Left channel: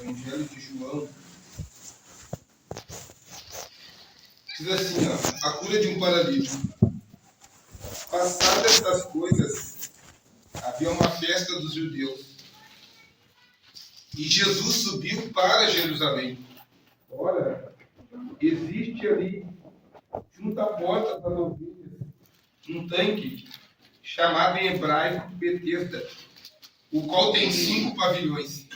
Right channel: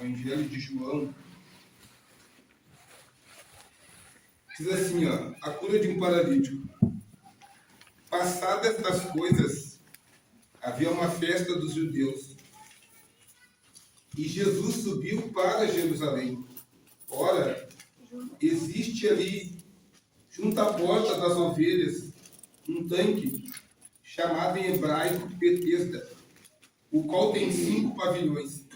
Evangelho de João, diz assim, a cura de um paralítico. Passadas estas coisas, havia uma festa dos judeus, e Jesus subiu para Jerusalém. Ora, existe ali, junto à porta das ovelhas, um tanque, chamado em hebraico Betesda, o qual tem 5 pavilhões.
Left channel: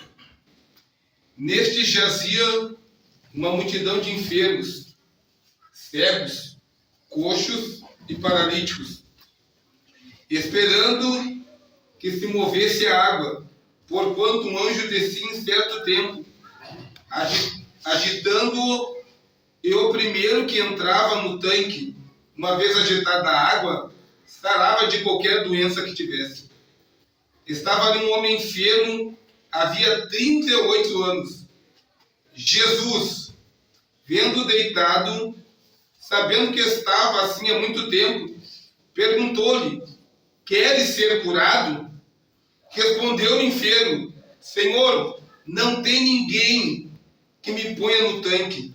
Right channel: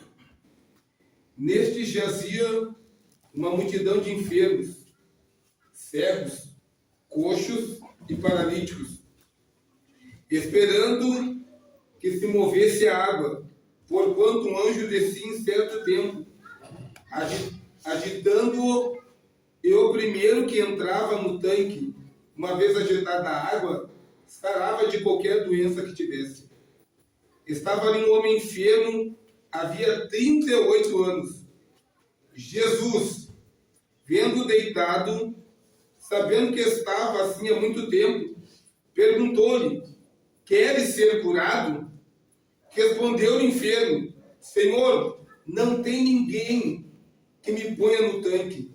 Neste jazia uma multidão de enfermos, cegos, coxos e paralíticos, esperando que se movesse a água, porquanto um anjo descia em certo tempo, agitando-o, e o primeiro que entrava no tanque, uma vez agitada a água, sarava de qualquer doença que tivesse. Estava ali um homem enfermo, havia 38 anos. Jesus, vendo deitado, sabendo que estava assim há muito tempo, perguntou-lhe: queres ser curado? Respondeu o enfermo: Senhor, não tem ninguém que me ponha no tanque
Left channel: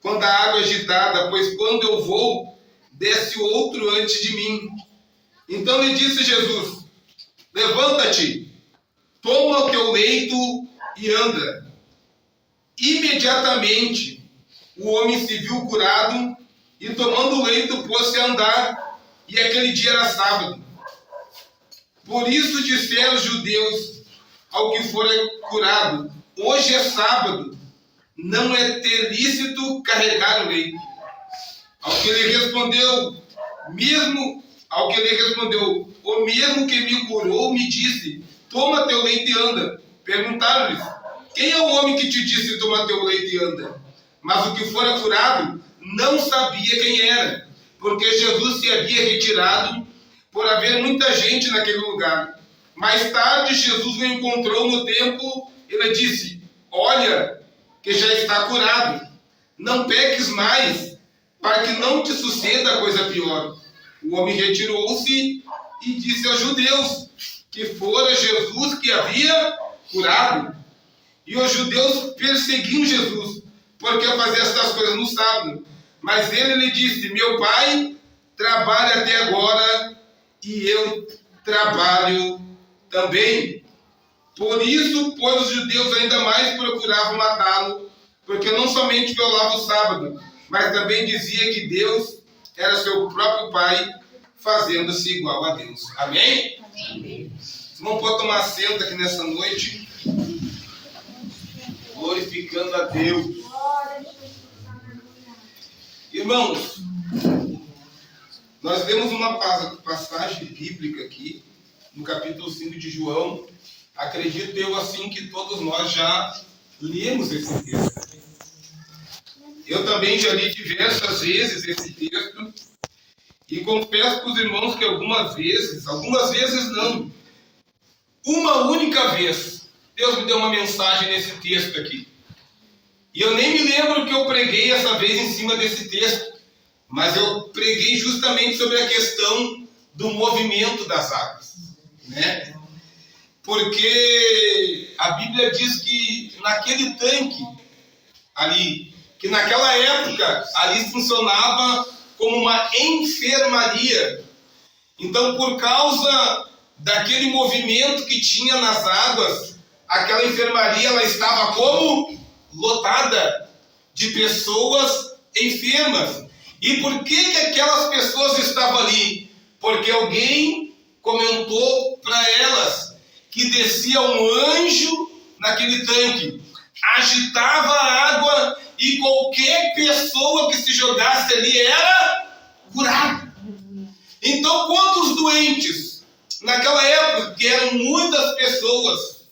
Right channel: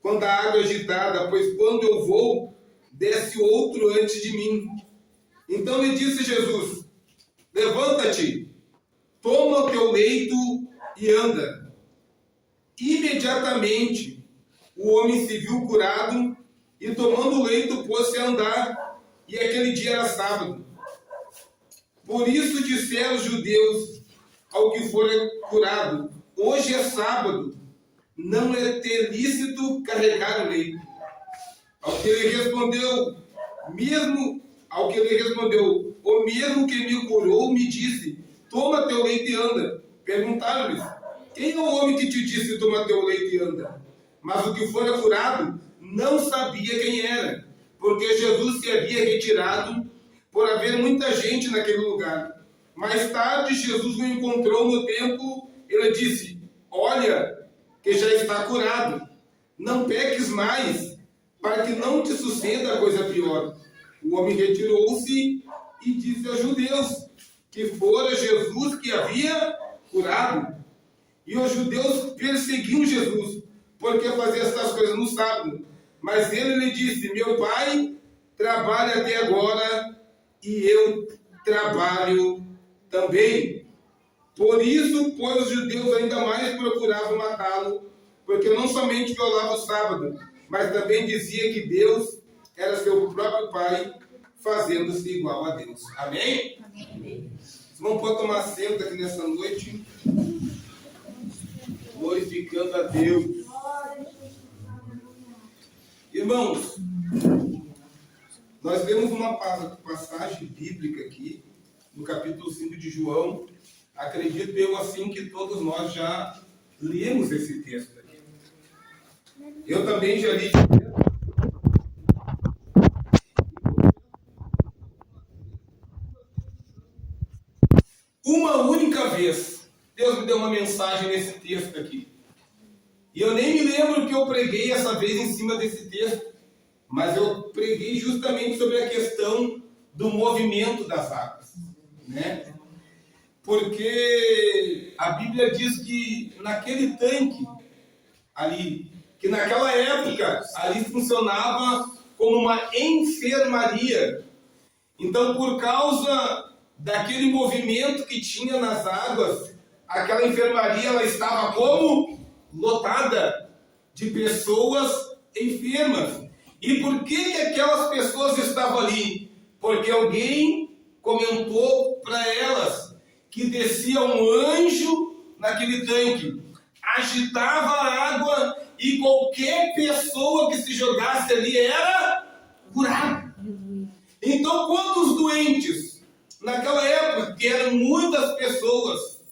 quando a água é agitada, pois quando eu vou, desce outro antes de mim. Então lhe disse Jesus: levanta-te, toma o teu leito e anda. Imediatamente o homem se viu curado e, tomando o leito, pôs-se a andar, e aquele dia era sábado. Por isso disseram os judeus ao que fora curado: hoje é sábado, não é ter lícito carregar o leito. Ao que ele respondeu, o mesmo que me curou me disse: toma teu leito e anda. Perguntaram-lhes: quem é o homem que te disse: toma teu leito e anda? Mas o que fora curado não sabia quem era, porque Jesus se havia retirado, por haver muita gente naquele lugar. Mais tarde, Jesus o encontrou no templo e lhe disse: olha, que já está curado, não peques mais, para que não te suceda coisa pior. O homem retirou-se e disse aos judeus que fora Jesus que havia curado. E os judeus perseguiam Jesus, porque fazia estas coisas no sábado. Mas ele lhe disse: meu pai trabalha até agora, e eu trabalho também. Por isso, pois, os judeus ainda mais procuravam matá-lo, porque não somente violava o sábado, mas também dizia que Deus era seu próprio pai, fazendo-se igual a Deus. Amém? Amém. Vamos poder tomar assento aqui nessa noite, glorificando a Deus. Irmãos, nós lemos uma passagem bíblica aqui, no capítulo 5 de João. Acredito eu assim que todos nós já lemos esse texto. Eu também já li diversas vezes esse texto, e confesso para os irmãos que algumas vezes não, uma única vez, Deus me deu uma mensagem nesse texto aqui. E eu nem me lembro que eu preguei essa vez em cima desse texto, mas eu preguei justamente sobre a questão do movimento das águas, né? Porque a Bíblia diz que naquele tanque ali, que naquela época ali funcionava como uma enfermaria. Então, por causa daquele movimento que tinha nas águas, aquela enfermaria ela estava como lotada de pessoas enfermas. E por que aquelas pessoas estavam ali? Porque alguém comentou para elas que descia um anjo naquele tanque, agitava a água, e qualquer pessoa que se jogasse ali era curada. Então, quantos doentes naquela época, que eram muitas pessoas,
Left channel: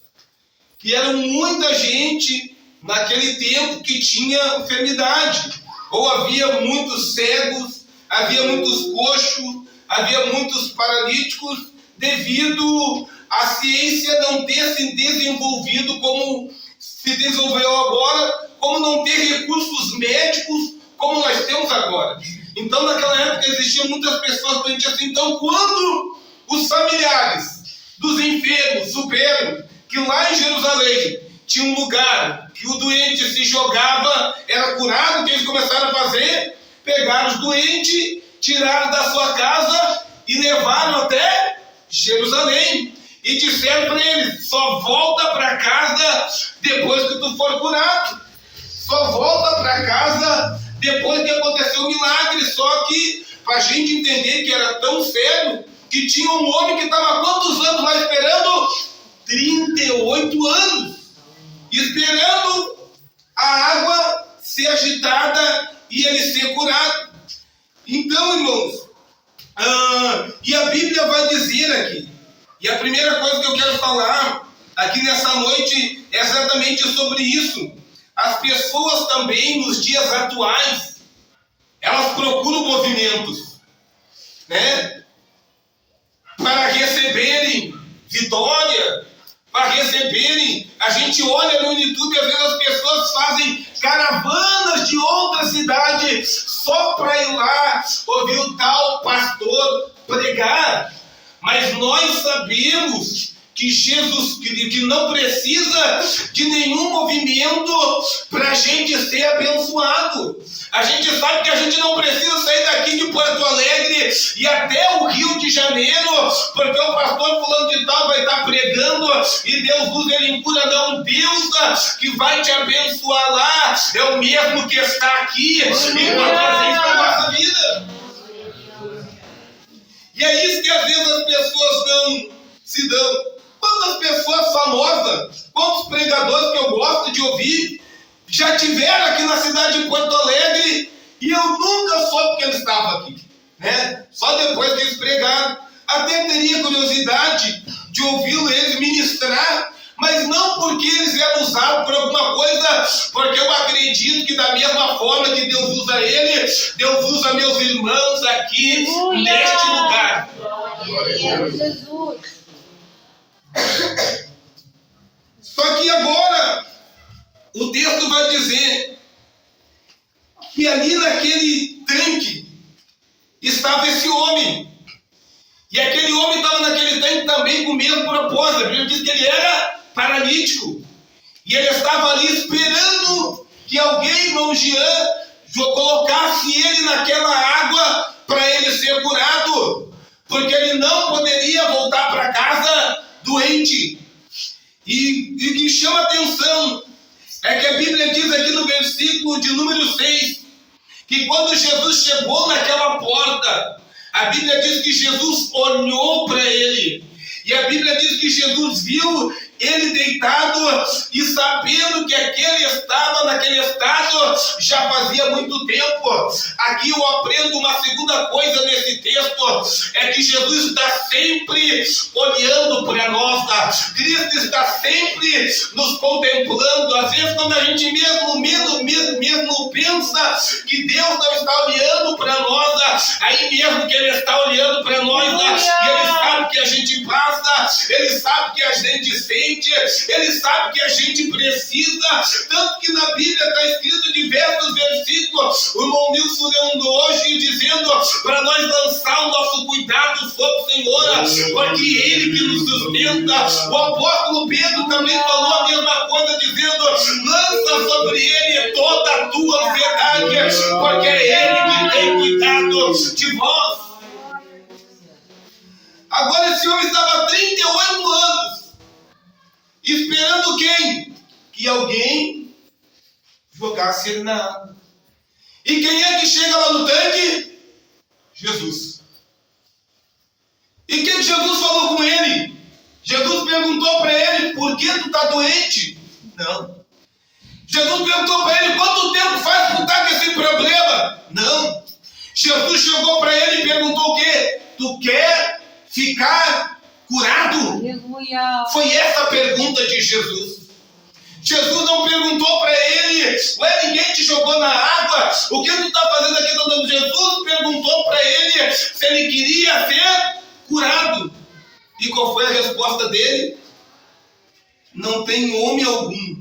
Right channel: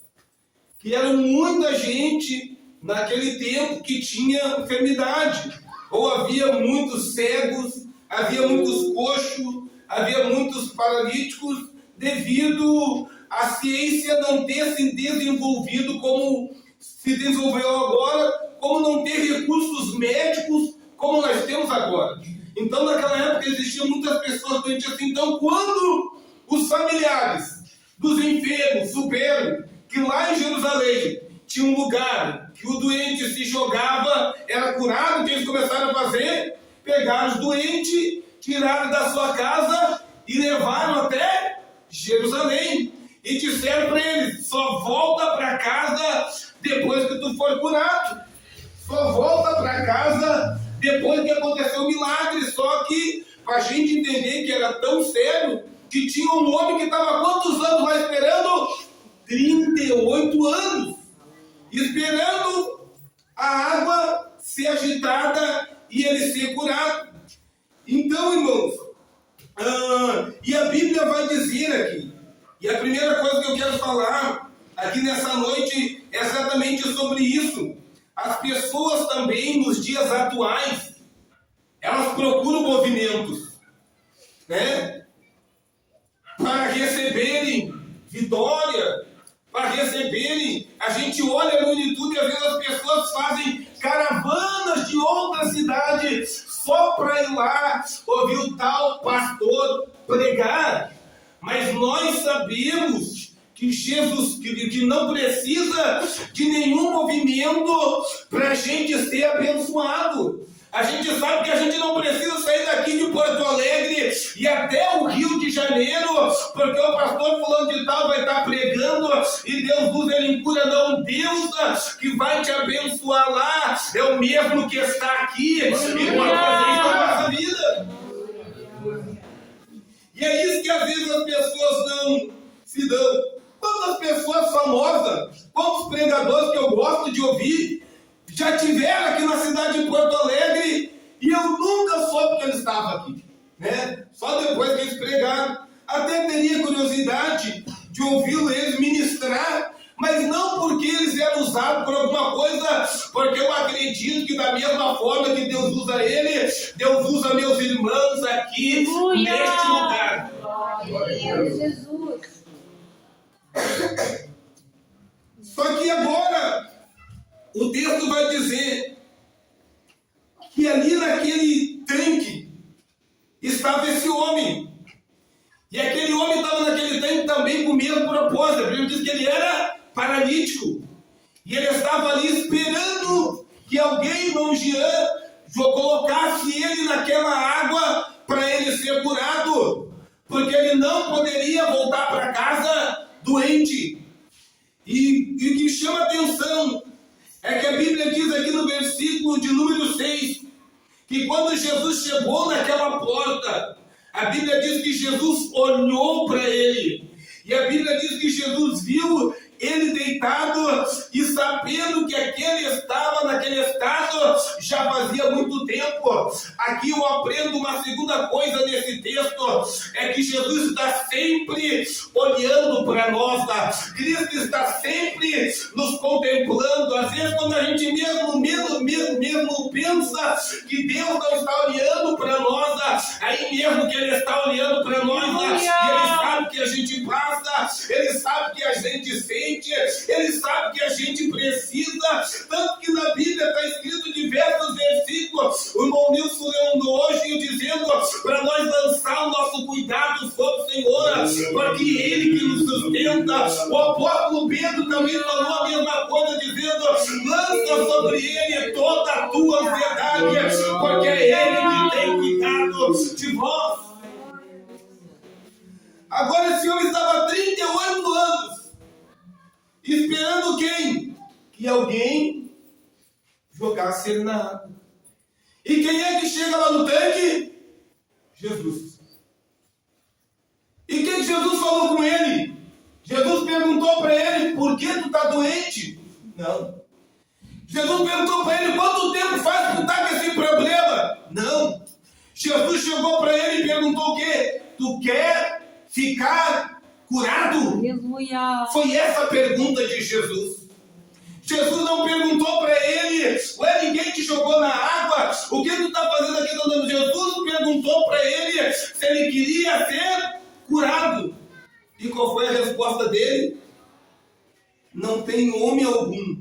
que eram muita gente naquele tempo que tinha enfermidade, ou havia muitos cegos, havia muitos coxos, havia muitos paralíticos, devido à ciência não ter se desenvolvido como se desenvolveu agora, como não ter recursos médicos como nós temos agora. Então, naquela época existiam muitas pessoas doentes assim. Então, quando os familiares dos enfermos souberam que lá em Jerusalém tinha um lugar que o doente se jogava, era curado. O que eles começaram a fazer? Pegaram os doentes, tiraram da sua casa e levaram até Jerusalém. E disseram para eles: só volta para casa depois que tu for curado. Só volta para casa depois que aconteceu o milagre. Só que, para a gente entender que era tão sério, que tinha um homem que estava quantos anos lá esperando? 38 anos. Esperando a água ser agitada e ele ser curado. Então, irmãos, e a Bíblia vai dizer aqui, e a primeira coisa que eu quero falar aqui nessa noite é exatamente sobre isso. As pessoas também, nos dias atuais, elas procuram movimentos, né? Para receberem vitória, para receberem. A gente olha no YouTube e às vezes as pessoas fazem caravanas de outra cidade só para ir lá ouvir o tal pastor pregar. Mas nós sabemos que Jesus, que não precisa de nenhum movimento para a gente ser abençoado. A gente sabe que a gente não precisa sair daqui de Porto Alegre e até o Rio de Janeiro, porque o pastor fulano de tal vai estar pregando e Deus usa ele em cura. Não, Deus que vai te abençoar lá é o mesmo que está aqui e pode fazer isso na nossa vida. E é isso que às vezes as pessoas não se dão. Quantas pessoas famosas, quantos pregadores que eu gosto de ouvir, já tiveram aqui na cidade de Porto Alegre e eu nunca soube que eles estavam aqui, né? Só depois que eles pregaram. Até teria curiosidade de ouvi-lo eles ministrar, mas não porque eles eram usados por alguma coisa, porque eu acredito que da mesma forma que Deus usa ele, Deus usa meus irmãos aqui neste lugar. Glória a Deus. Jesus. Só que agora o texto vai dizer que ali naquele tanque estava esse homem. E aquele homem estava naquele tanque também com o mesmo propósito. A Bíblia diz que ele era paralítico. E ele estava ali esperando que alguém, irmão Jean, colocasse ele naquela água para ele ser curado. Porque ele não poderia voltar para casa doente. E o que chama atenção é que a Bíblia diz aqui no versículo de número 6, que quando Jesus chegou naquela porta, a Bíblia diz que Jesus olhou para ele. E a Bíblia diz que Jesus viu ele deitado e sabendo que aquele estava naquele estado já fazia muito tempo. Aqui eu aprendo uma segunda coisa nesse texto, é que Jesus está sempre olhando para nós. Cristo está sempre nos contemplando. Às vezes quando a gente mesmo pensa que Deus não está olhando para nós, aí mesmo que Ele está olhando para nós, e Ele sabe que a gente passa, Ele sabe que a gente sente, Ele sabe que a gente precisa. Tanto que na Bíblia está escrito diversos versículos, o irmão Nilson lendo hoje, dizendo para nós lançar o nosso cuidado sobre o Senhor, porque Ele que nos sustenta. O apóstolo Pedro também falou a mesma coisa, dizendo: lança sobre Ele toda a tua ansiedade, porque é Ele que tem cuidado de vós. Agora esse homem estava há 38 anos esperando quem? Que alguém jogasse ele na água. E quem é que chega lá no tanque? Jesus. E o que Jesus falou com ele? Jesus perguntou para ele: por que tu está doente? Não. Jesus perguntou para ele: quanto tempo faz que tu está com esse problema? Não. Jesus chegou para ele e perguntou o quê? Tu quer ficar curado? Aleluia. Foi essa a pergunta de Jesus. Jesus não perguntou para ele: ué, ninguém te jogou na água? O que tu está fazendo aqui? Jesus perguntou para ele se ele queria ser curado. E qual foi a resposta dele? Não tem homem algum.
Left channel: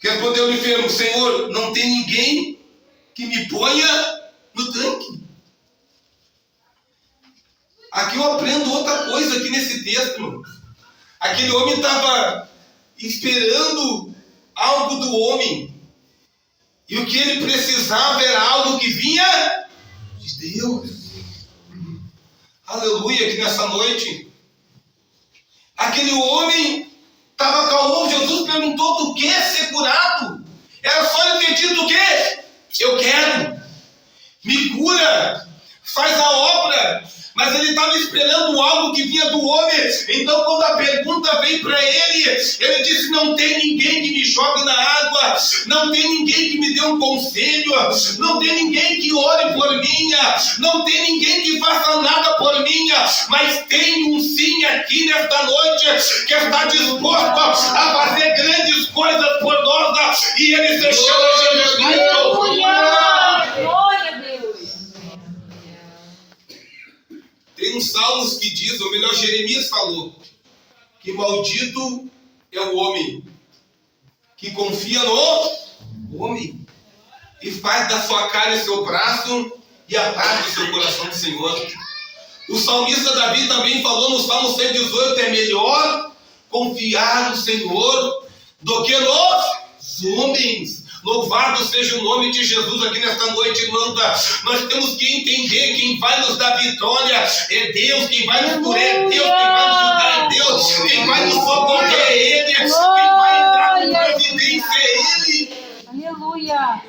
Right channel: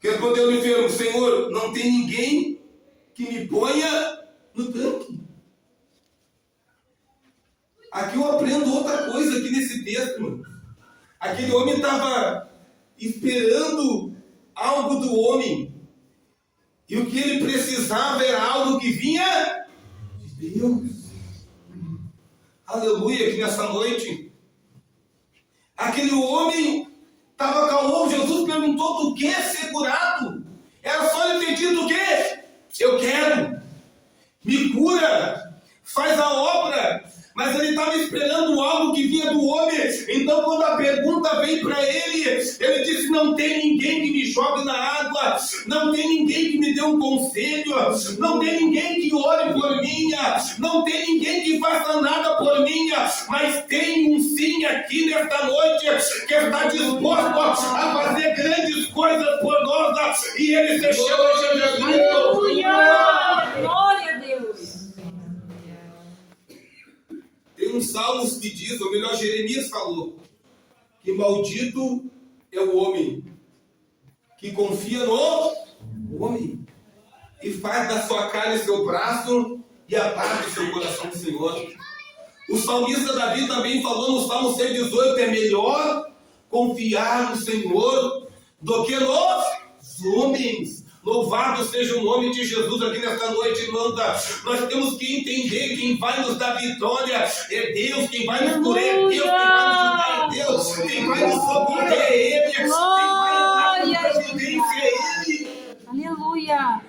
Respondeu o enfermo: Senhor, não tem ninguém que me ponha no tanque. Aqui eu aprendo outra coisa aqui nesse texto, irmão. Aquele homem estava esperando algo do homem. E o que ele precisava era algo que vinha de Deus. Aleluia, que nessa noite, aquele homem estava calmo. Jesus perguntou: tu quer ser curado? Era só ele ter dito o quê? Eu quero. Me cura. Faz a obra. Mas ele estava esperando algo que vinha do homem. Então quando a pergunta veio para ele, ele disse: não tem ninguém que me jogue na água, não tem ninguém que me dê um conselho, não tem ninguém que ore por mim, não tem ninguém que faça nada por mim, mas tem um sim aqui nesta noite que está disposto a fazer grandes coisas por nós, e ele se chama Jesus Cristo. Glória a Deus. Tem uns salmos que diz, ou melhor, Jeremias falou, que maldito é o homem que confia no homem e faz da sua carne seu braço e aparta o seu coração do Senhor. O salmista Davi também falou no Salmo 118, é melhor confiar no Senhor do que nos homens. Louvado seja o nome de Jesus aqui nesta noite, irmã. Nós temos que entender: quem vai nos dar vitória é Deus, quem vai nos curar é Deus, quem vai nos ajudar é Deus, quem vai nos socorrer é Ele, quem vai entrar com providência é Ele. Aleluia.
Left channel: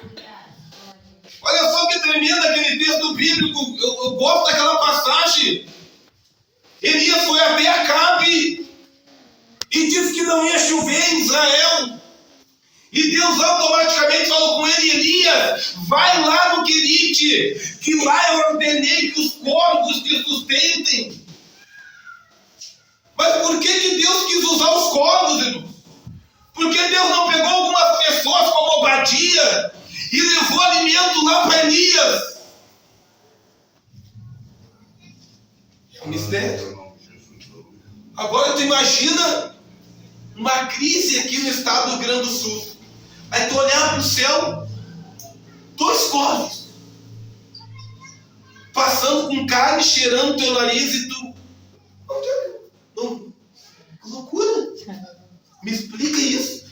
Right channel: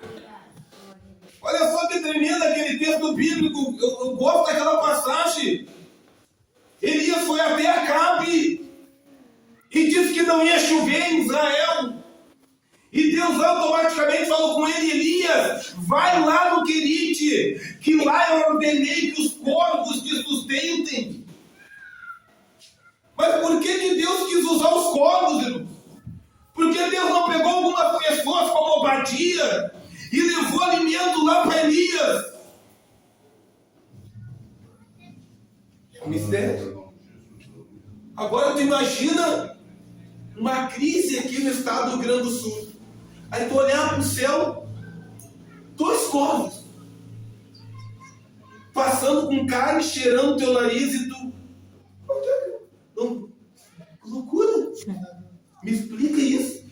Olha só que tremendo aquele texto bíblico. Eu gosto daquela passagem. Elias foi até Acabe e disse que não ia chover em Israel. E Deus automaticamente falou com ele: Elias, vai lá no Querite, que lá eu ordenei que os corvos te sustentem. Mas por que Deus quis usar os corvos, irmão? Porque Deus não pegou algumas pessoas como Obadia e levou alimento lá para Elias? É um mistério. Agora tu imagina uma crise aqui no estado do Rio Grande do Sul. Aí tu olhar para o céu, 2 corvos passando com carne, cheirando teu nariz, e tu... Não, que loucura! Me explica isso.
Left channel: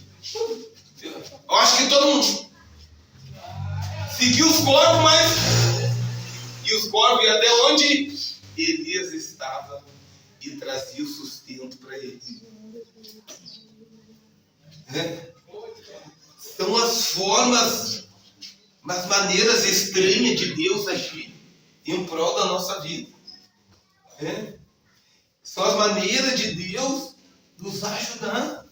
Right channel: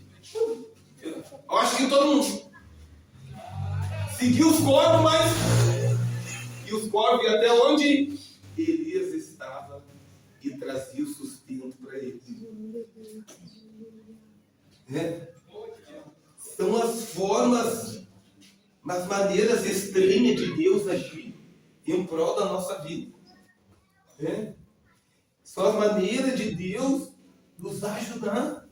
Eu acho que todo mundo seguiu os corvos, mas... E os corvos iam até onde Elias estava e trazia o sustento para eles. São as formas, as maneiras estranhas de Deus agir em prol da nossa vida. São as maneiras de Deus nos ajudar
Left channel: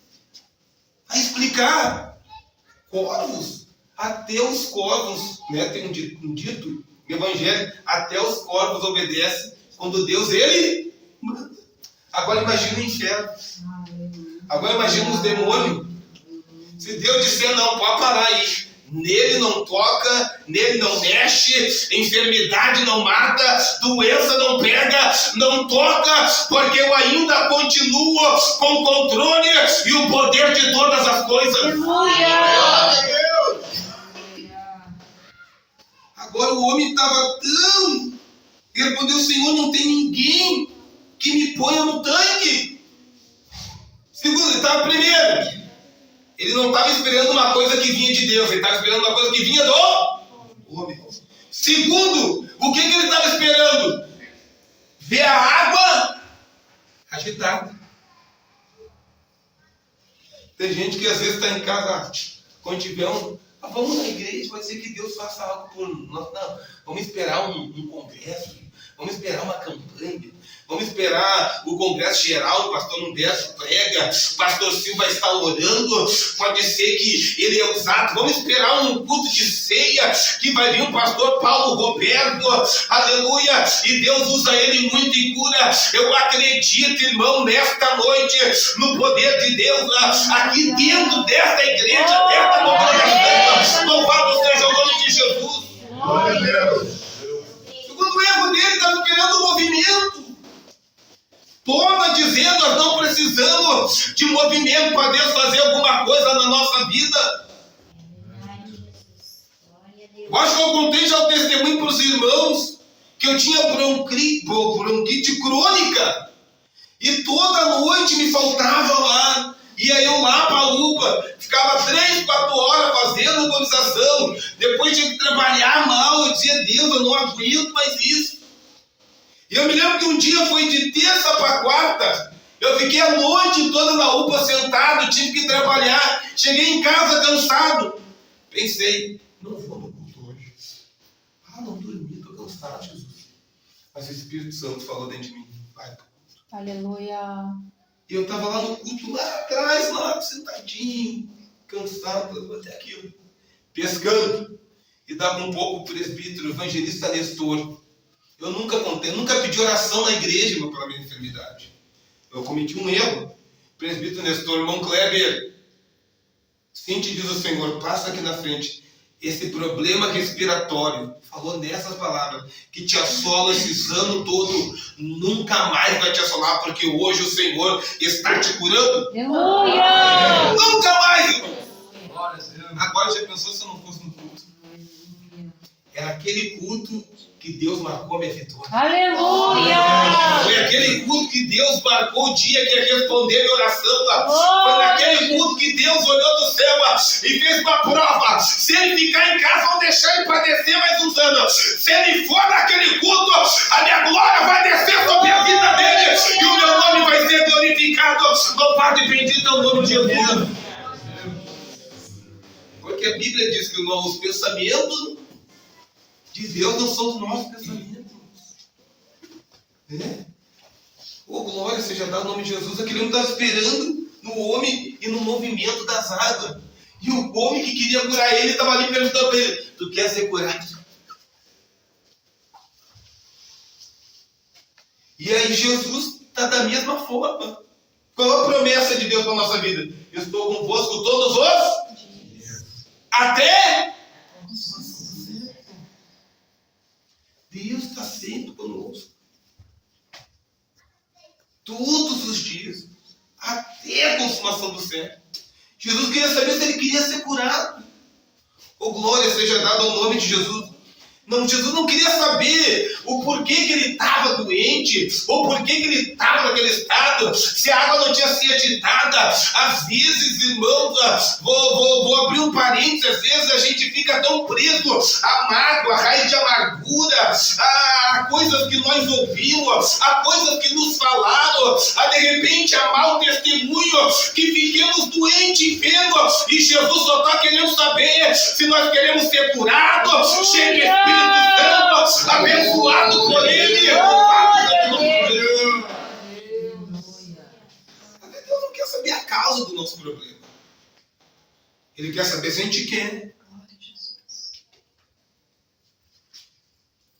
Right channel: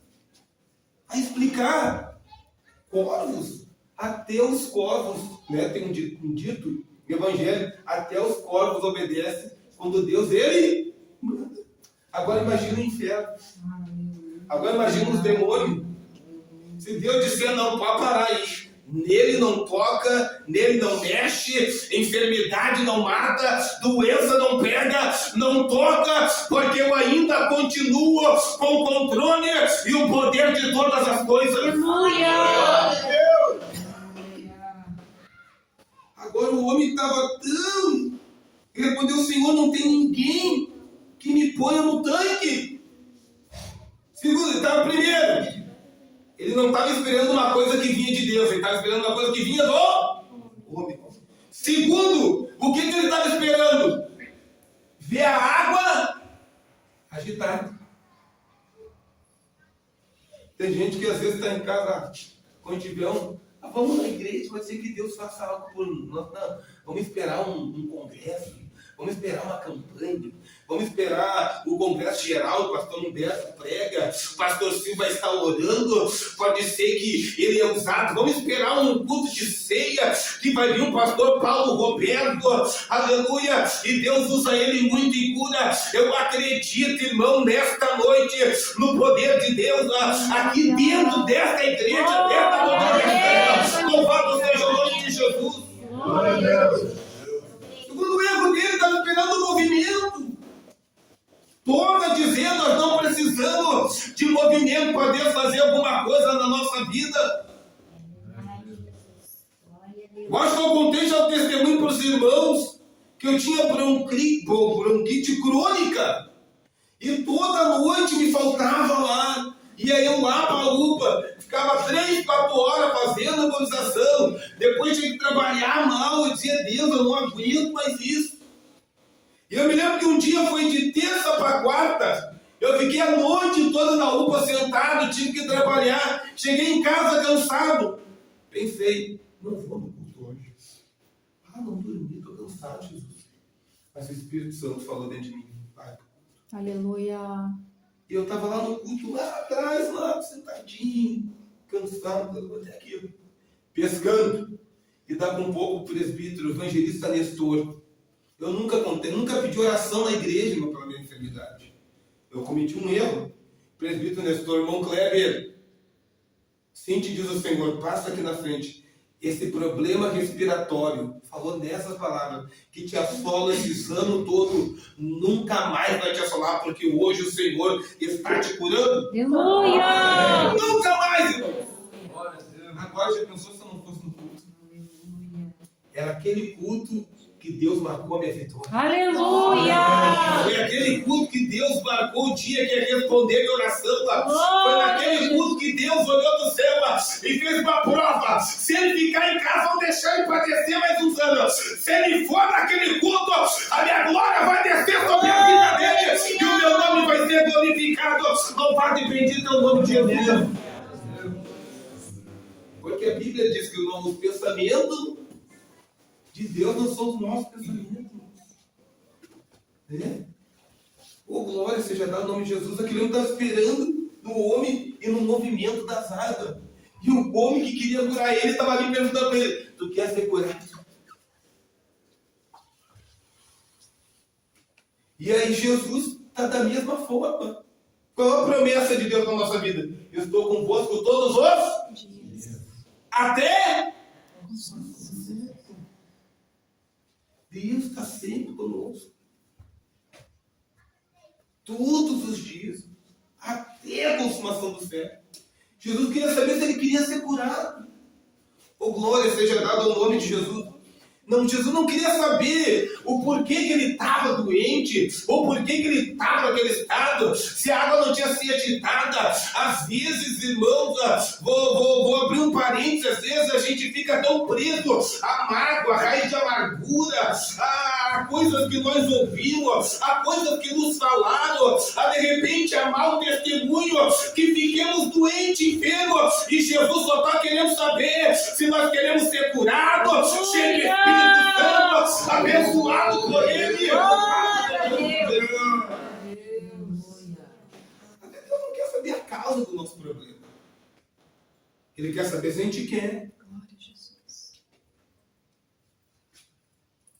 a explicar. Corvos, até os corvos, tem um dito no Evangelho: até os corvos obedecem quando Deus, Ele manda. Agora imagina o inferno. Agora imagina os demônios. Se Deus disser: não, pode parar aí, nele não toca, nele não mexe, enfermidade não mata, doença não pega, não toca, porque eu ainda continuo com o controle e o poder de todas as coisas. Aleluia! Agora o homem estava tão... Ele respondeu: Senhor, não tem ninguém que me ponha no tanque. Segundo, ele estava primeiro. Ele não estava esperando uma coisa que vinha de Deus, ele estava esperando uma coisa que vinha do homem. Segundo, o que ele estava esperando? Ver a água agitada. Tem gente que às vezes está em casa, quando tiver vamos na igreja, pode ser que Deus faça algo por nós. Não, vamos esperar um congresso, vamos esperar uma campanha, vamos esperar o congresso geral, o pastor Humberto prega, o pastor Silva está orando, pode ser que ele é usado, vamos esperar um culto de ceia, que vai vir o pastor Paulo Roberto, aleluia, e Deus usa ele muito em cura. Eu acredito, irmão, nesta noite, no poder de Deus, aqui dentro desta igreja, desta congregação. Louvado seja o nome de Jesus. Glória a Deus. Segundo erro dele, estava esperando o movimento. Toma dizendo: nós não precisamos de movimento para Deus fazer alguma coisa na nossa vida. Eu acho que eu contei já o testemunho para os irmãos que eu tinha bronquite crônica e toda noite me faltava lá. Ia eu lá para ficava 3, 4 horas fazendo organização, depois tinha que trabalhar mal, eu dizia, Deus, eu não aguento mais isso. E eu me lembro que um dia foi de terça para quarta, eu fiquei a noite toda na UPA sentado, tive que trabalhar, cheguei em casa cansado. Pensei, não vou no culto hoje. Não dormi, estou cansado, Jesus. Mas o Espírito Santo falou dentro de mim, vai pro culto. Aleluia. E eu estava lá no culto, lá atrás, lá sentadinho, cansado, até aqui, pescando. E dava um pouco o presbítero, o evangelista Nestor. Eu nunca pedi oração na igreja pela minha enfermidade. Eu cometi um erro. O presbítero Nestor, irmão Kleber, sim te diz o Senhor, passa aqui na frente. Esse problema respiratório, falou nessas palavras, que te assola esses anos todos, nunca mais vai te assolar, porque hoje o Senhor está te curando. Aleluia. Nunca mais, irmão. Agora já pensou se eu não fosse no culto? Era aquele culto que Deus marcou a minha vitória. Aleluia. Foi aquele culto que Deus marcou o dia que ia responder minha oração. Foi naquele culto que Deus olhou do céu e fez uma prova. Se ele ficar em casa, vão deixar ele padecer mais uns anos. Se ele for naquele culto, a minha glória vai descer sobre a vida dele e o meu nome vai ser glorificado. Louvado e bendito é o nome de Jesus. Porque a Bíblia diz que os pensamentos de Deus não são os nossos pensamentos. Oh, glória seja dada ao nome de Jesus. Aquele homem está esperando no homem e no movimento das águas. E o homem que queria curar ele estava ali perguntando para ele: tu quer ser curado? E aí Jesus está da mesma forma. Qual a promessa de Deus para a nossa vida? Eu estou convosco todos os dias. Até Deus está sempre conosco. Todos os dias. Até a consumação do século. Jesus queria saber se ele queria ser curado. Oh, glória seja dada ao nome de Jesus. Não, Jesus não queria saber o porquê que ele estava doente, ou porquê que ele estava naquele estado, se a água não tinha sido agitada. Às vezes, irmãos, vou abrir um parênteses, às vezes a gente fica tão preso à mágoa, à raiz de amargura, a coisas que nós ouvimos, a coisas que nos falaram, a de repente a mau testemunho, que fiquemos doentes, enfermos, e Jesus só está querendo saber se nós queremos ser curados, cheio de Espírito Santo, abençoado por Ele. Deus não quer saber a causa do nosso problema. Ele quer saber se a gente quer.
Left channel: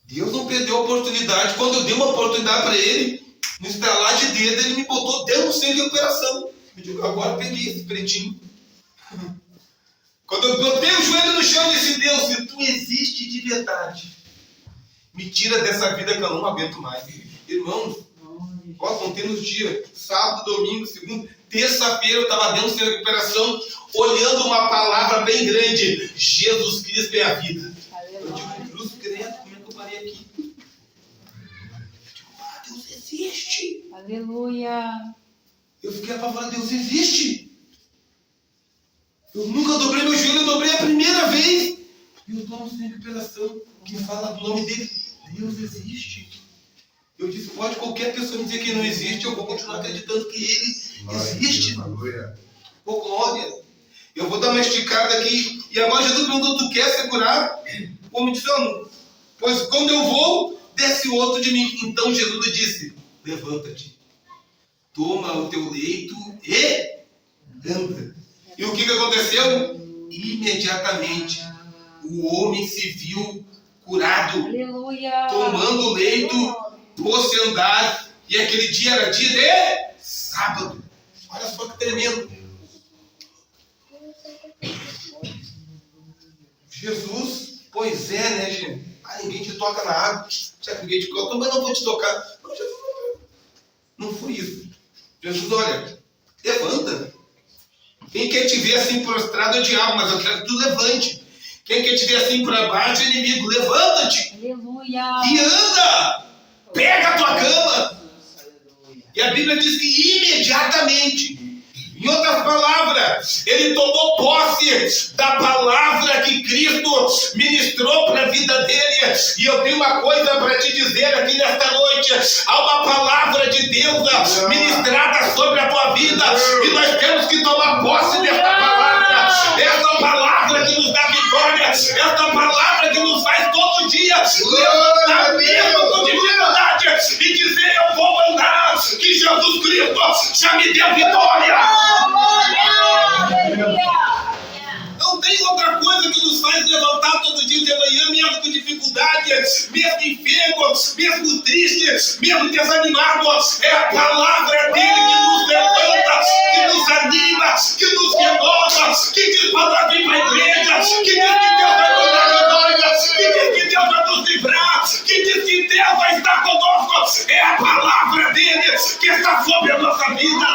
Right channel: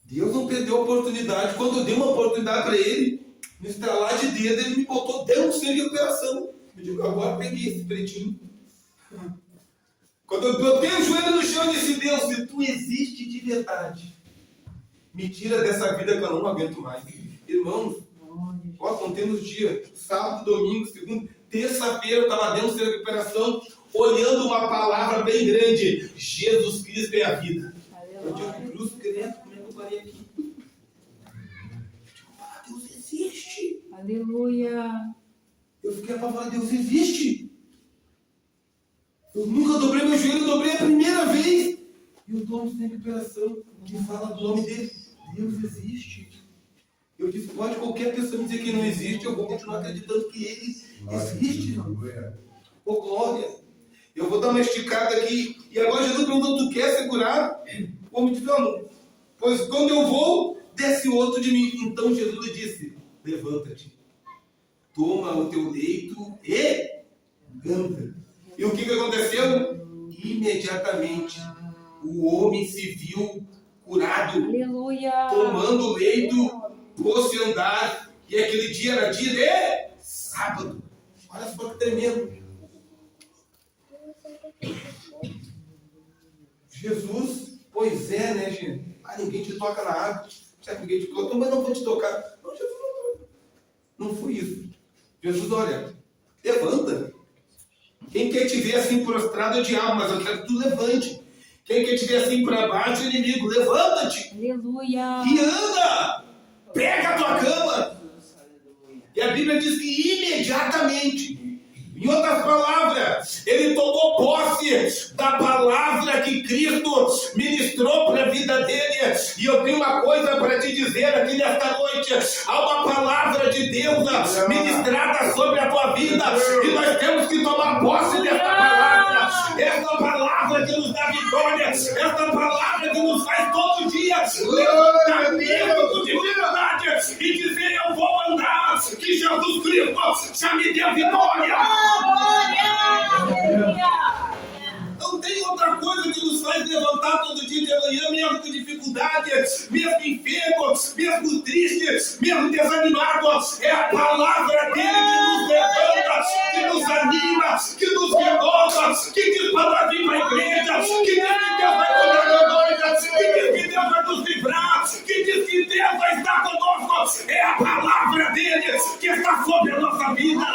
Deus não perdeu a oportunidade. Quando eu dei uma oportunidade para Ele, no estalar de dedo, Ele me botou dentro do centro de operação. Eu digo, agora peguei esse pretinho. Quando eu botei o joelho no chão e disse: Deus, se tu existe de verdade, me tira dessa vida que eu não aguento mais. Irmãos, estão tendo os dias, sábado, domingo, segunda, terça-feira eu estava dentro de recuperação, olhando uma palavra bem grande: Jesus Cristo é a vida. Eu digo, cruz credo, como é que eu parei aqui? Eu digo, Deus existe. Aleluia. Eu fiquei apavorado: Deus existe. Eu nunca dobrei meu joelho, eu dobrei a primeira vez. E eu estou em recuperação, que fala do nome dele. Deus existe. Eu disse, pode qualquer pessoa me dizer que não existe, eu vou continuar acreditando que ele existe. Ô, glória. Eu vou dar uma esticada aqui. E agora Jesus perguntou: tu quer ser curado? O homem disse: não. Pois quando eu vou, desce outro de mim. Então Jesus lhe disse: levanta-te, toma o teu leito e anda. E o que aconteceu? Imediatamente o homem se viu curado. Aleluia. Tomando o leito, pôs-se a andar. E aquele dia era dia de sábado. Olha só que tremendo. Jesus, pois é, né, gente? Ninguém te toca na água. Já que ninguém te toca, mas não vou te tocar. Não, Jesus não foi isso. Jesus, olha, levanta. Quem quer te ver assim prostrado é o diabo, mas eu quero que tu levante. Quem quer te ver assim para baixo é o inimigo. Levanta-te. Aleluia. E anda. Pega a tua cama. E a Bíblia diz que imediatamente. Em outras palavras, ele tomou posse da palavra que Cristo ministrou para a vida dele. E eu tenho uma coisa para te dizer aqui nesta noite: há uma palavra de Deus ministrada sobre a tua vida, e nós temos que tomar posse desta palavra. Esta palavra que nos dá vitória, esta palavra que nos faz todo dia levantar mesmo com dificuldade e dizer: eu vou andar, que Jesus Cristo já me deu vitória. Não tem outra coisa que nos faz levantar todo dia de manhã, mesmo com dificuldade, mesmo enfermo, mesmo triste, mesmo desanimado. É a palavra dele que nos levanta, que nos anima, que nos renova, que diz para nós vir para a igreja, que diz que Deus vai cuidar de nós, que diz que Deus vai nos livrar, que diz que Deus vai estar conosco. É a palavra dele que está sobre a nossa vida.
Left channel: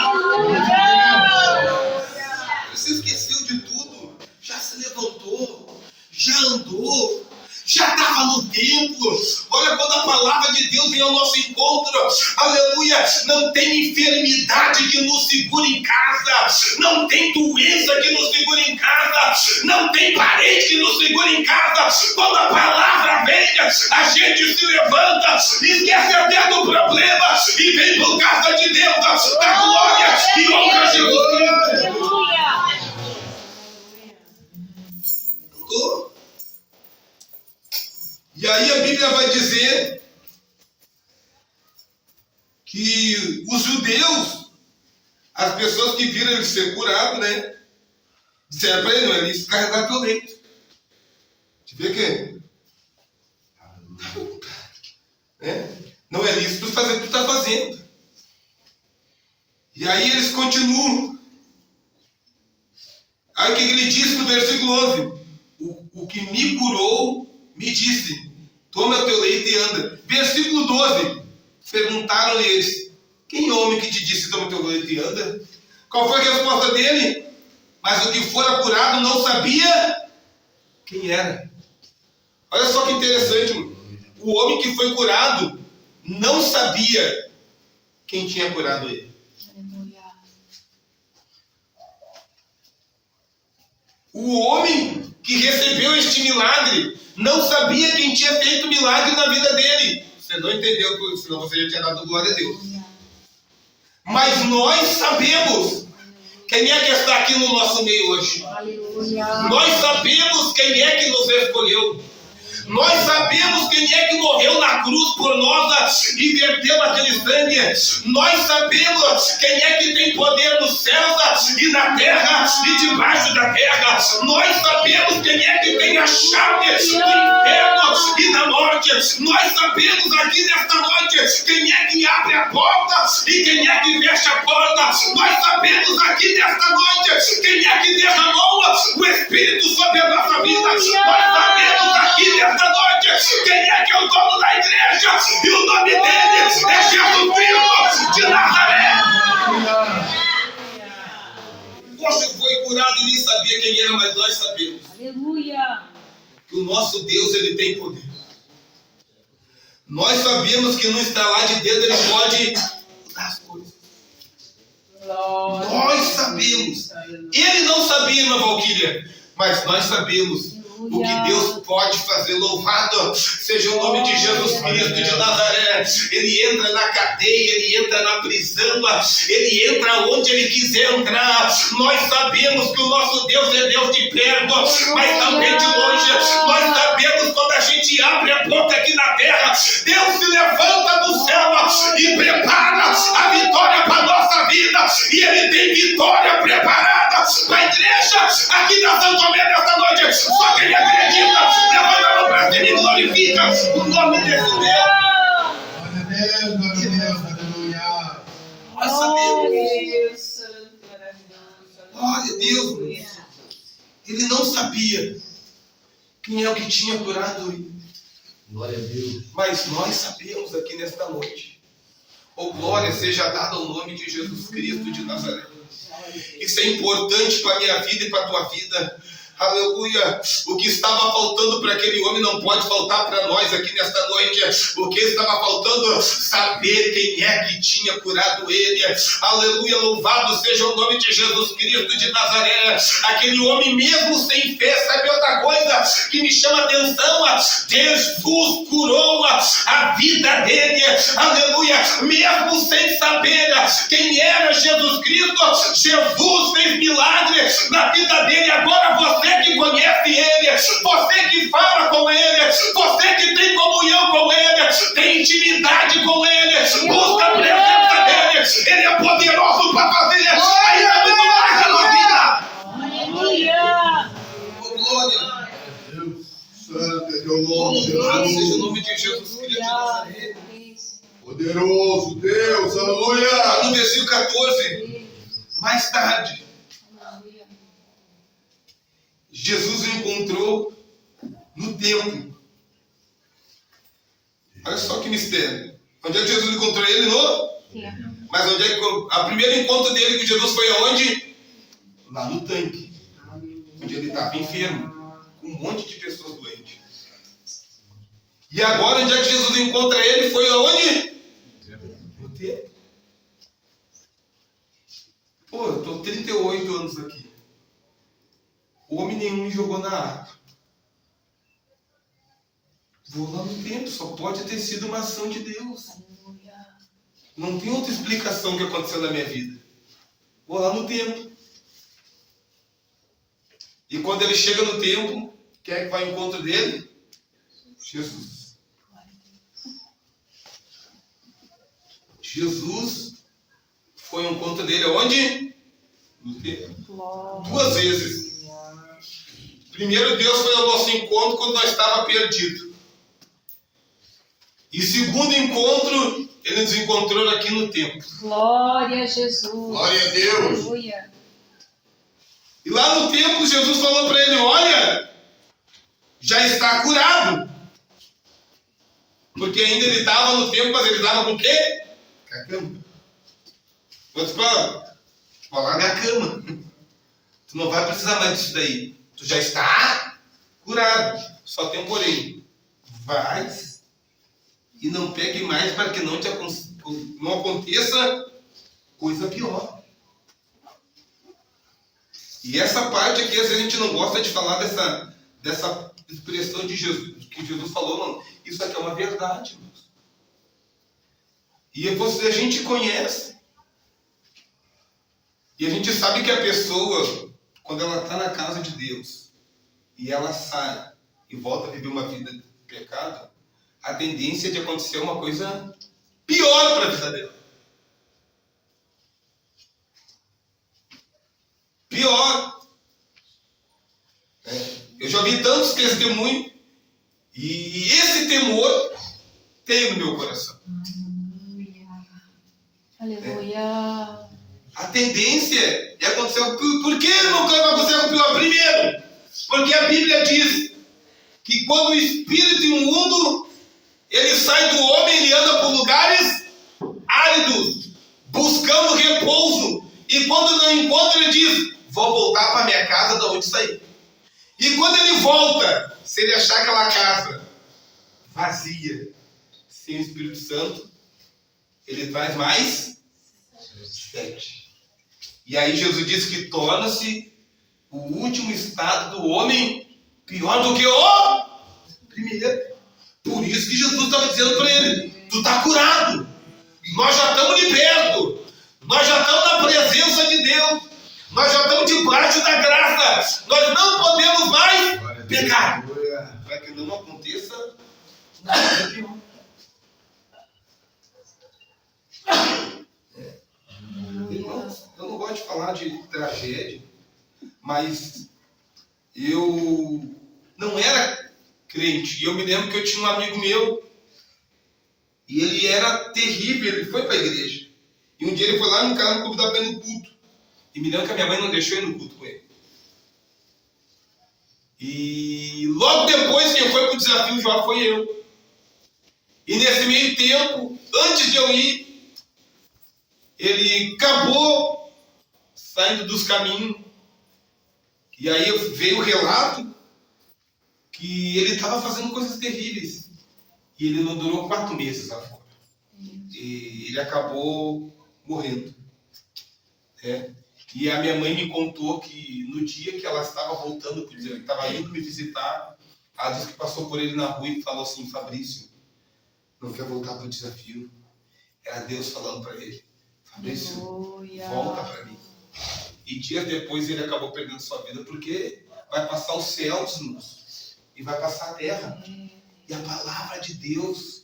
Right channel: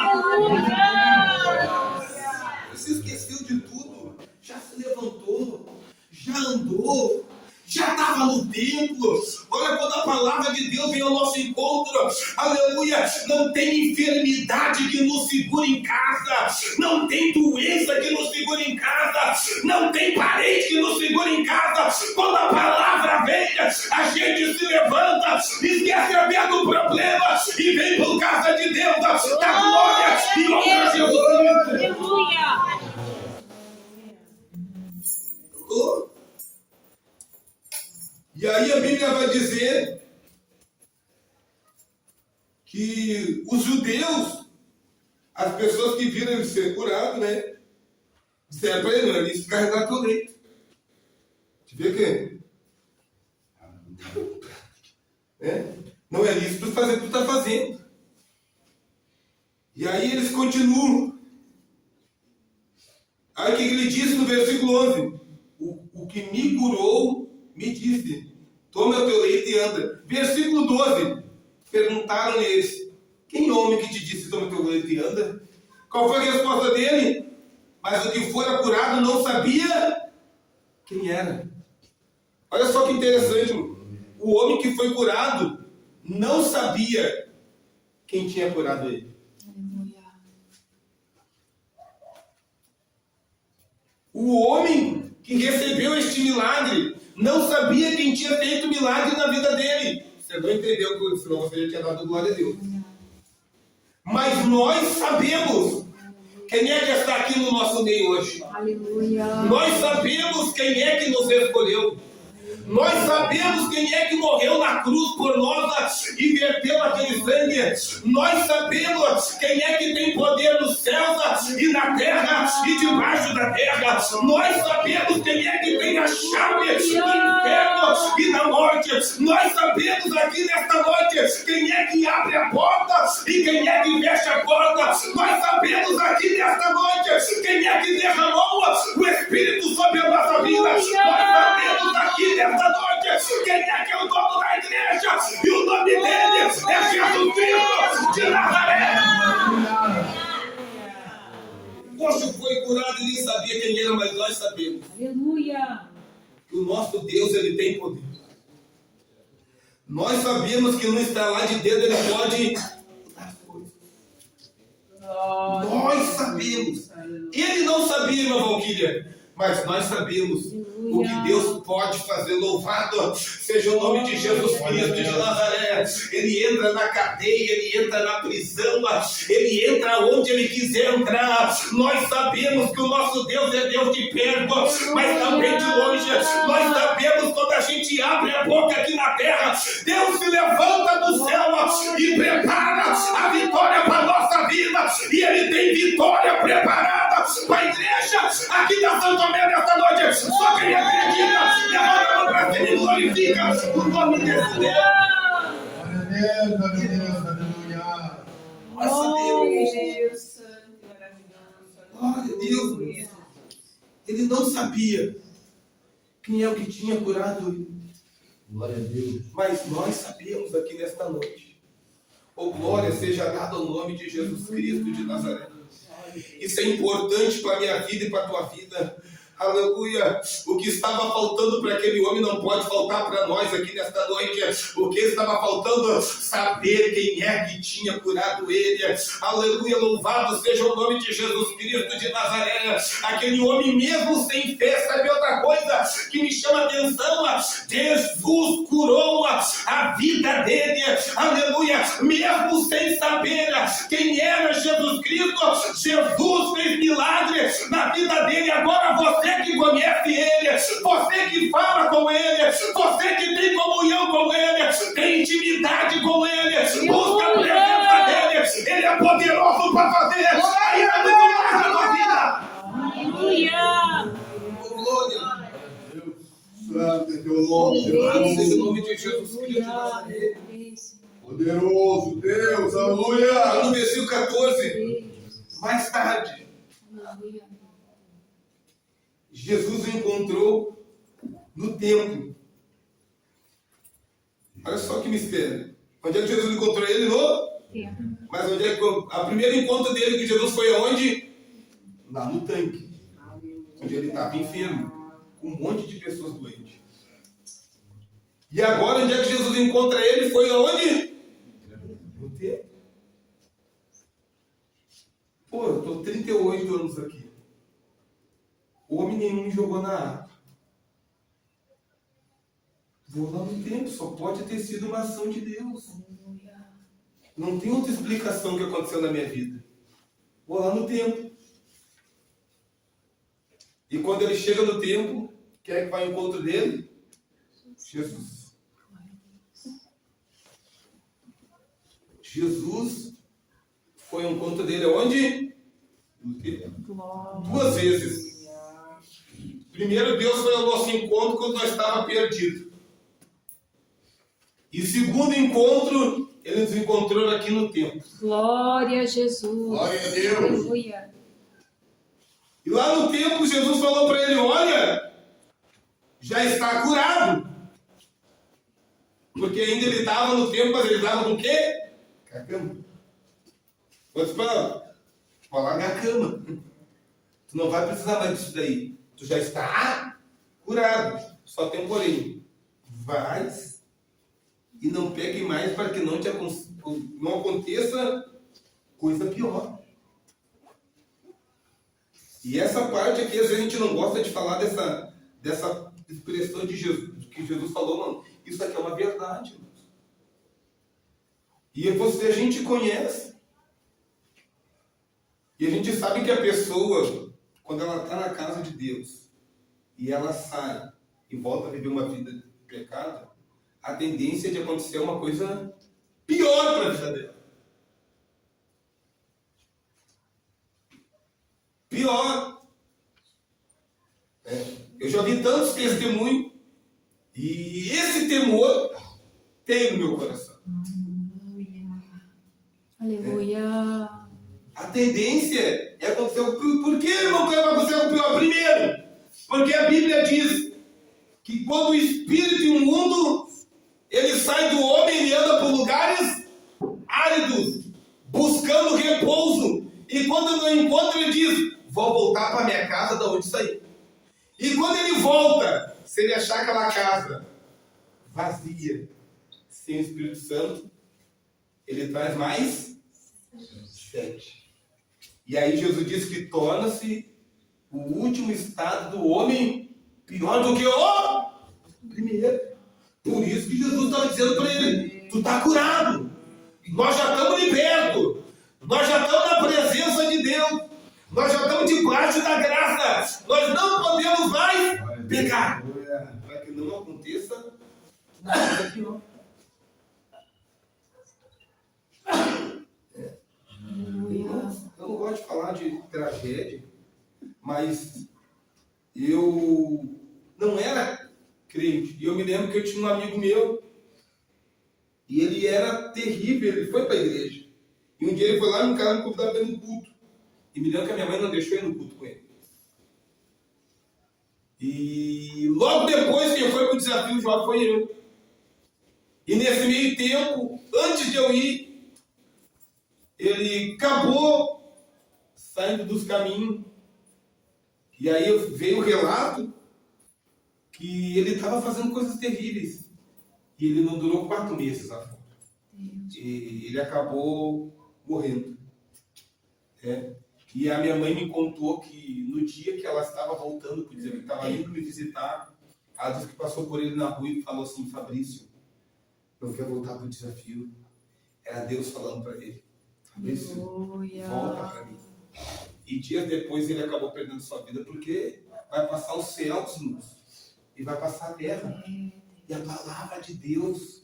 Você esqueceu de tudo, já se levantou, já andou, já estava no templo. Olha, quando a palavra de Deus vem ao nosso encontro, aleluia, não tem enfermidade que nos segure em casa, não tem doença que nos segure em casa, não tem parente que nos segure em casa. Quando a palavra vem, a gente se levanta, esquece até do problema e vem por causa de Deus, da glória e honra a Jesus Cristo. E aí a Bíblia vai dizer que os judeus, as pessoas que viram ele ser curado, né, disseram para ele: não é lícito carregar teu leito. Te vê que não é lícito fazer o que tu está fazendo. E aí eles continuam. Aí o que ele disse no versículo 11? O que me curou me disse: toma o teu leito e anda. Versículo 12. Perguntaram eles: quem é o homem que te disse toma o teu leito e anda? Qual foi a resposta dele? Mas o que fora curado não sabia quem era. Olha só que interessante. O homem que foi curado não sabia quem tinha curado ele. O homem que recebeu este milagre não sabia quem tinha feito o milagre na vida dele. Você não entendeu, senão você já tinha dado glória a Deus. Mas nós sabemos quem é que está aqui no nosso meio hoje. Aleluia. Nós sabemos quem é que nos escolheu. Nós sabemos quem é que morreu na cruz por nós e verteu aquele sangue. Nós sabemos quem é que tem poder nos céus e na terra e debaixo da terra. Nós sabemos quem é que tem a chave do inferno e da morte. Nós sabemos aqui nesta noite quem é que abre a porta e quem é que fecha a porta. Nós sabemos aqui nesta noite quem é que derramou o Espírito sobre a nossa vida. Nós sabemos aqui nesta noite quem é que é o dono da igreja, e o nome dele é Jesus Cristo de Nazaré. Você foi curado e nem sabia quem era, mas nós sabemos. Aleluia. Que o nosso Deus, ele tem poder. Nós sabemos que no estalar de dedo ele pode mudar as coisas. Nós sabemos. Ele não sabia, irmã Valquíria, mas nós sabemos o que Deus pode fazer. Louvado seja o nome de Jesus Cristo de Nazaré. Ele entra na cadeia, ele entra na prisão, ele entra onde ele quiser entrar. Nós sabemos que o nosso Deus é Deus de perto, mas também de longe. Nós sabemos quando a gente abre a boca aqui na terra, Deus se levanta do céu e prepara a vitória para a nossa vida. E ele tem vitória preparada para a igreja aqui da São Tomé nesta noite. Só quem acredita, levanta a mão para cima e glorifica o nome desse Deus. Aleluia. Nós sabemos. Glória a Deus. Ele não sabia quem é o que tinha curado ele. Glória a Deus. Mas nós sabemos aqui nesta noite. Glória seja dada ao nome de Jesus Cristo de Nazaré. Isso é importante para a minha vida e para a tua vida. aleluia. O que estava faltando para aquele homem não pode faltar para nós aqui nesta noite. O que estava faltando? Saber quem é que tinha curado ele. Aleluia, louvado seja o nome de Jesus Cristo de Nazaré. Aquele homem mesmo sem fé, sabe outra coisa que me chama a atenção? Jesus curou a vida dele, aleluia, mesmo sem saber quem era Jesus Cristo. Jesus fez milagre na vida dele. Agora você que conhece ele, você que fala com ele, você que tem comunhão com ele, tem intimidade com ele, busca a presença dele, ele é poderoso para fazer ainda muito mais na tua vida. Aleluia. Glória. Santo é teu nome, Louvado seja o Jesus. nome de Jesus Cristo de Nazaré. Poderoso Deus, aleluia. No versículo 14, mais tarde, Jesus o encontrou no templo. Olha só que mistério. Onde é que Jesus encontrou ele? Mas onde é que o primeiro encontro dele com Jesus foi aonde? Lá no tanque. Onde ele estava enfermo, com um monte de pessoas doentes. E agora, onde é que Jesus encontra ele? Foi aonde? No templo. Pô, eu estou 38 anos aqui. Homem nenhum me jogou na água. Vou lá no templo, só pode ter sido uma ação de Deus. Não tem outra explicação que aconteceu na minha vida. Vou lá no templo. E quando ele chega no templo, quem é que vai ao encontro dele? Jesus. Jesus foi ao encontro dele aonde? No templo. 2 vezes. Primeiro, Deus foi ao nosso encontro quando nós estávamos perdidos. E segundo encontro, Ele nos encontrou aqui no templo. Glória a Jesus. Glória a Deus. Aleluia. E lá no templo, Jesus falou para ele: olha, já está curado. Porque ainda ele estava no templo, mas ele estava com o quê? Com a cama. Outros falam: larga a cama. Tu não vai precisar mais disso daí. Tu já está curado. Só tem um porém. Vai e não pegue mais para que não aconteça coisa pior. E essa parte aqui, às vezes a gente não gosta de falar dessa expressão de Jesus, que Jesus falou, não. Isso aqui é uma verdade, irmãos. E a gente conhece. E a gente sabe que a pessoa, quando ela está na casa de Deus, e ela sai e volta a viver uma vida de pecado, a tendência é de acontecer uma coisa pior para a vida dela. Pior. Eu já vi tantos testemunhos e esse temor tem no meu coração. Aleluia. A tendência é acontecer. Por que não vai acontecer o pior? Primeiro, porque a Bíblia diz que quando o espírito imundo ele sai do homem, ele anda por lugares áridos, buscando repouso. E quando não encontra, ele diz: vou voltar para minha casa da onde saí. E quando ele volta, se ele achar aquela casa vazia, sem o Espírito Santo, ele traz mais 7. E aí Jesus diz que torna-se o último estado do homem pior do que o primeiro. Por isso que Jesus estava dizendo para ele: tu está curado, nós já estamos libertos, nós já estamos na presença de Deus, nós já estamos debaixo da graça, nós não podemos mais pecar, para que não aconteça nada pior. Irmãos, eu não gosto de falar de tragédia, mas eu não era crente. E eu me lembro que eu tinha um amigo meu, e ele era terrível, ele foi para a igreja. E um dia ele foi lá no canal, me convidar para ir no culto. E me lembro que a minha mãe não deixou ir no culto com ele. E logo depois, quem foi para o desafio já foi eu. E nesse meio tempo, antes de eu ir, ele acabou saindo dos caminhos E aí veio o relato que ele estava fazendo coisas terríveis. E ele não durou 4 meses lá fora. E ele acabou morrendo. E a minha mãe me contou que no dia que ela estava voltando, ele estava indo me visitar, ela disse que passou por ele na rua e falou assim: Fabrício, não quer voltar para o desafio? Era Deus falando para ele: Fabrício, volta para mim. E dias depois ele acabou perdendo sua vida, porque vai passar os céus, irmãos, e vai passar a terra. E a palavra de Deus,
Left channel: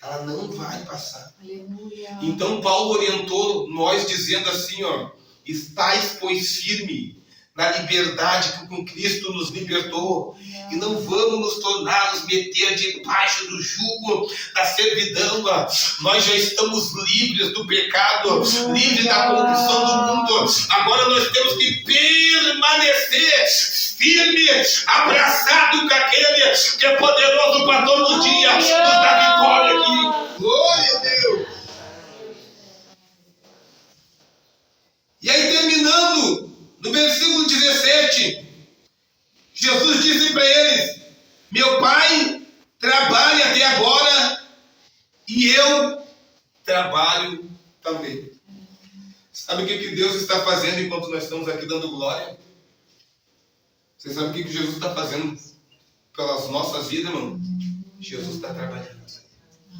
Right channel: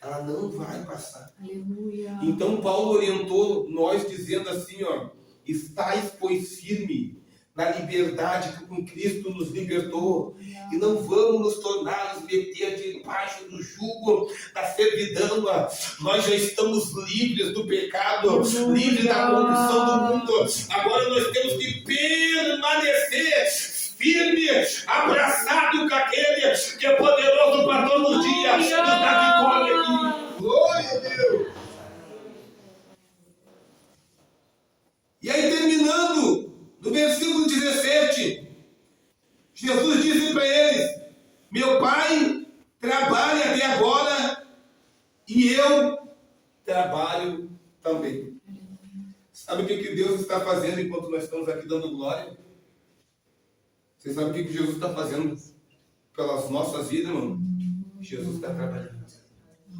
ela não vai passar. Aleluia. Então Paulo orientou nós dizendo assim, ó: estais, pois, firme na liberdade que com Cristo nos libertou, e não vamos nos tornar, nos meter debaixo do jugo da servidão. Nós já estamos livres do pecado, livres da corrupção do mundo. Agora nós temos que permanecer firme, abraçado com aquele que é poderoso para todo os dias nos dar vitória aqui. Glória a Deus! E aí, terminando, no versículo 17, Jesus disse para eles: meu Pai trabalha até agora e eu trabalho também. Sabe o que Deus está fazendo enquanto nós estamos aqui dando glória? Vocês sabem o que Jesus está fazendo pelas nossas vidas, irmão? Jesus está trabalhando.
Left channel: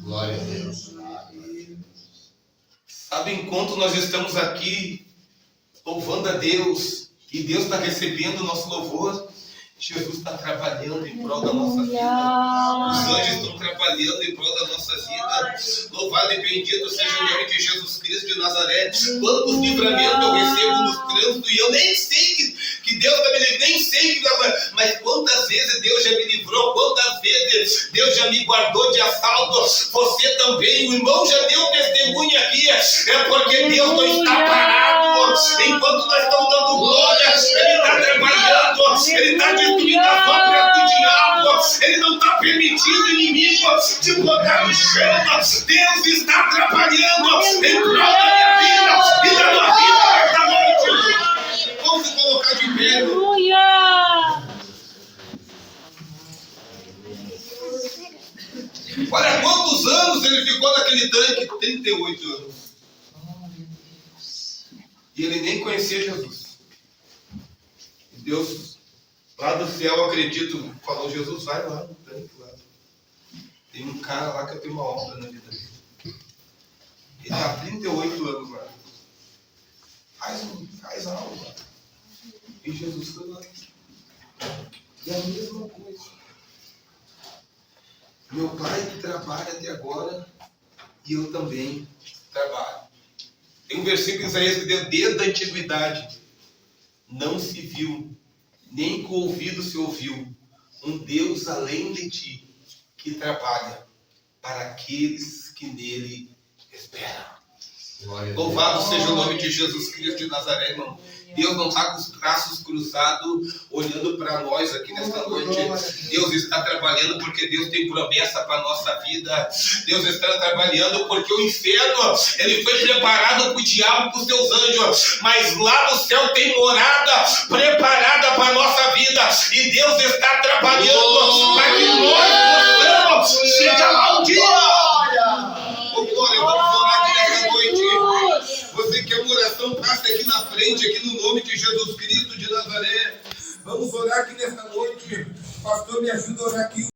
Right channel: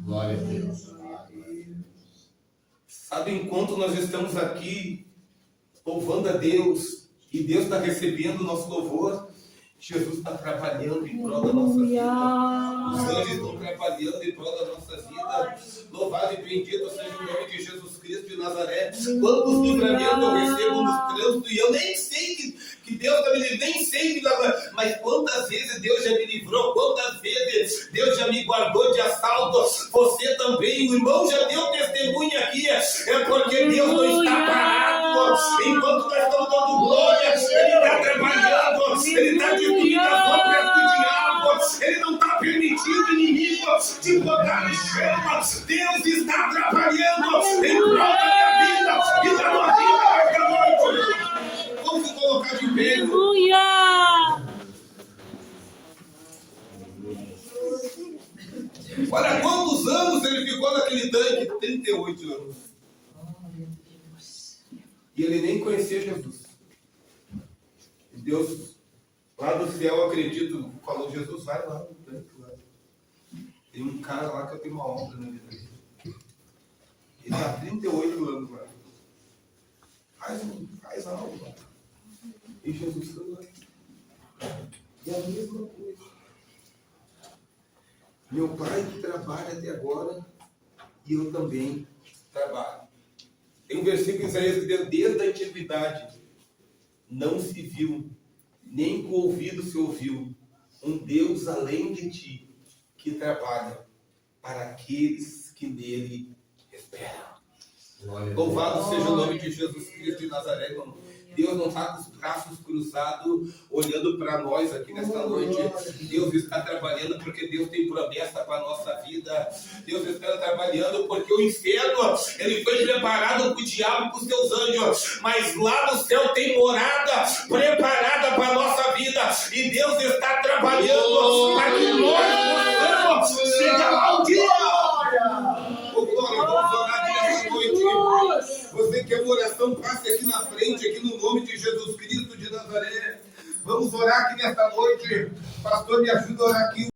Glória a Deus. Sabe, enquanto nós estamos aqui louvando a Deus, e Deus está recebendo o nosso louvor, Jesus está trabalhando em prol da nossa vida. Os anjos estão trabalhando em prol da nossa vida. Louvado e bendito seja o nome de Jesus Cristo de Nazaré. Quantos livramentos eu recebo nos trânsitos, e eu nem sei que Deus está me livrando, nem sei, mas quantas vezes Deus já me livrou, quantas vezes Deus já me guardou de assalto. Você também, o irmão já deu testemunha aqui, é porque Deus não está parado. Enquanto nós estamos dando glória, Ele está trabalhando, Ele está destruindo as obras do diabo, Ele não está permitindo o inimigo te botar no chão. Deus está trabalhando em prol da minha vida e da tua vida nesta noite. Vamos se colocar de pé. Aleluia. Olha quantos anos ele ficou naquele tanque: 38 anos. E ele nem conhecia Jesus. E Deus, lá do céu, eu acredito, falou: Jesus, vai lá no tanque lá. Tem um cara lá que eu tenho uma obra na vida dele. Ele está há 38 anos lá. Faz algo lá. E Jesus foi lá. E a mesma coisa. Meu Pai trabalha até agora e eu também trabalho. Tem um versículo em Isaías que diz: desde a antiguidade não se viu, nem com o ouvido se ouviu, um Deus além de ti, que trabalha para aqueles que nele esperam. Louvado seja o nome de Jesus Cristo de Nazaré, irmão. Deus não está com os braços cruzados olhando para nós aqui nesta noite. Deus está trabalhando porque Deus tem promessa para a nossa vida. Deus está trabalhando porque o inferno, ele foi preparado para o diabo e para os seus anjos, mas lá no céu tem morada preparada para a nossa vida, e Deus está trabalhando para que nós possamos chegar lá um dia. Oh, glória, vamos orar aqui nessa noite. Você que é uma oração, passe aqui na frente, aqui no nome de Jesus Cristo de Nazaré. Vamos orar aqui nesta noite. Pastor, me ajuda a orar aqui.